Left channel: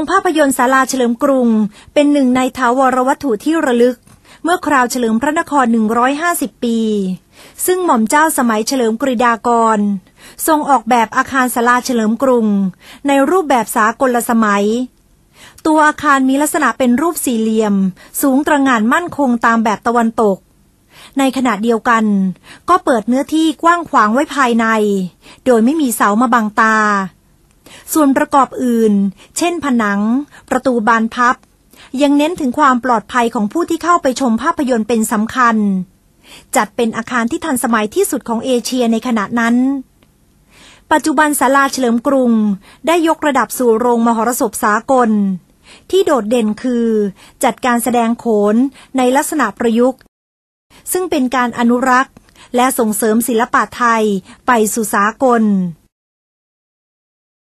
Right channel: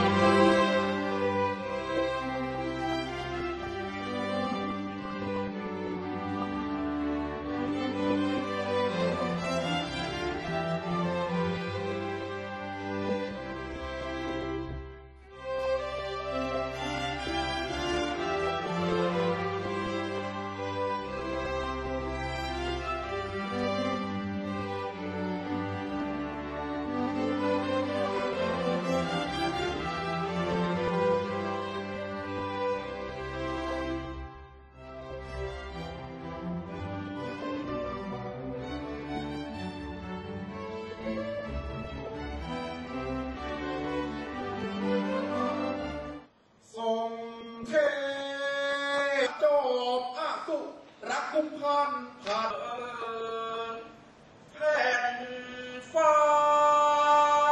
รงภาพยนตร์ศาลาเฉลิมกรุง เป็นหนึ่งในถาวรวัตถุที่ระลึก เมื่อคราวเฉลิมพระนคร 150 ปี ซึ่งหม่อมเจ้าสมัยเฉลิมกริดากร ทรงออกแบบอาคารศาลาเฉลิมกรุง ในรูปแบบสากลสมัย ตัวอาคารมีลักษณะเป็นรูปสี่เหลี่ยม สูงตระหง่านมั่นคงตามแบบตะวันตก ในขณะเดียวกัน ก็เปิดเนื้อที่กว้างขวางไว้ภายใน โดยไม่มีเสามาบังตา ส่วนประกอบอื่น เช่นผนัง ประตูบานพับ ยังเน้นถึงความปลอดภัยของผู้ที่เข้าไปชมภาพยนตร์เป็นสำคัญ จัดเป็นอาคารที่ทันสมัยที่สุดของเอเชียในขณะนั้น ปัจจุบันศาลาเฉลิมกรุง ได้ยกระดับสู่โรงมหรสพสากล ที่โดดเด่นคือ จัดการแสดงโขนในลักษณะประยุกต์ซึ่งเป็นการอนุรักษ์ และส่งเสริมศิลปะไทยไปสู่สากล